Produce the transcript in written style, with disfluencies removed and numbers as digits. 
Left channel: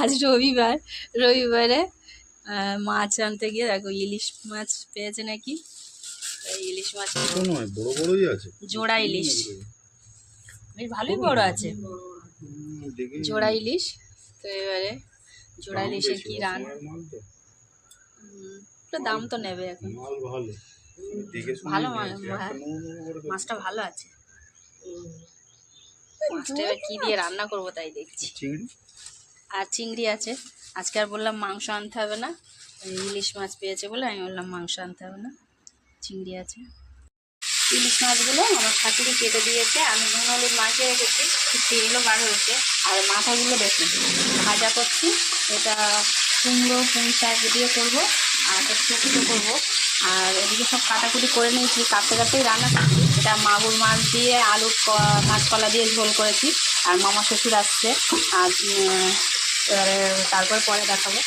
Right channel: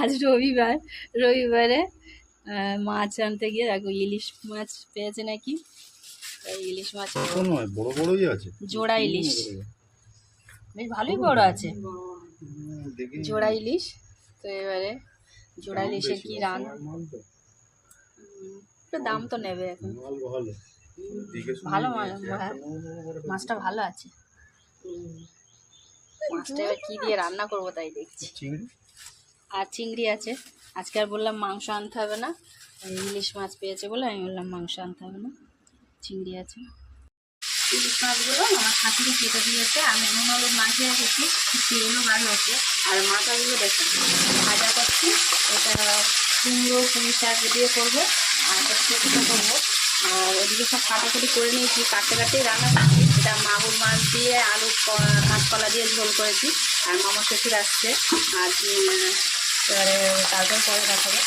আজ রবিবার, রবিবারে মাছ আনতে গিয়ে দেখো ইলিশ মাছ পেয়েছে নাকি, ইলিশ মাছ বড় বড়ই আছে, জোড়া ইলিশ, বেশ ভালোই বড় আছে জোড়া ইলিশ। তো এবারে জোড়া ইলিশের কি একটু দাম তো নেবে এখন, ভালো মাল, মাছটা ভালো আছে। মাছটা এবার কি দিয়ে রান্না করবো তাই দেখছি। আর চিংড়ি আছে, আজকে আর বললাম মাংস আনতে হবে না, ইলিশ মাছ পেয়েছে বলে আমি বললাম মাংস আনতে হবে না, চিংড়ি আছে। ইলিশ মাছগুলো আমার শাশুড়ি কেটে দিয়েছে, আমি নুন হলুদ মাখিয়ে রেখেছি, চিংড়িগুলো বার হয়েছে। আর মাথাগুলো দেখুন ভাজা করছি, এটা কুমড়ো পুঁই শাক দিয়ে করবো, আর এটা শুকনো করবো। আর এদিকে সব কাটাকুটি করে নিয়েছি, কাটতে কাটতেই রান্না করছি। এটা মাগুর মাছ দিয়ে আলু কাঁচকলা দিয়ে ঝোল করেছি। আর মামা শ্বশুর আসছে, আর এবারে তারপর পরে দেখাবো।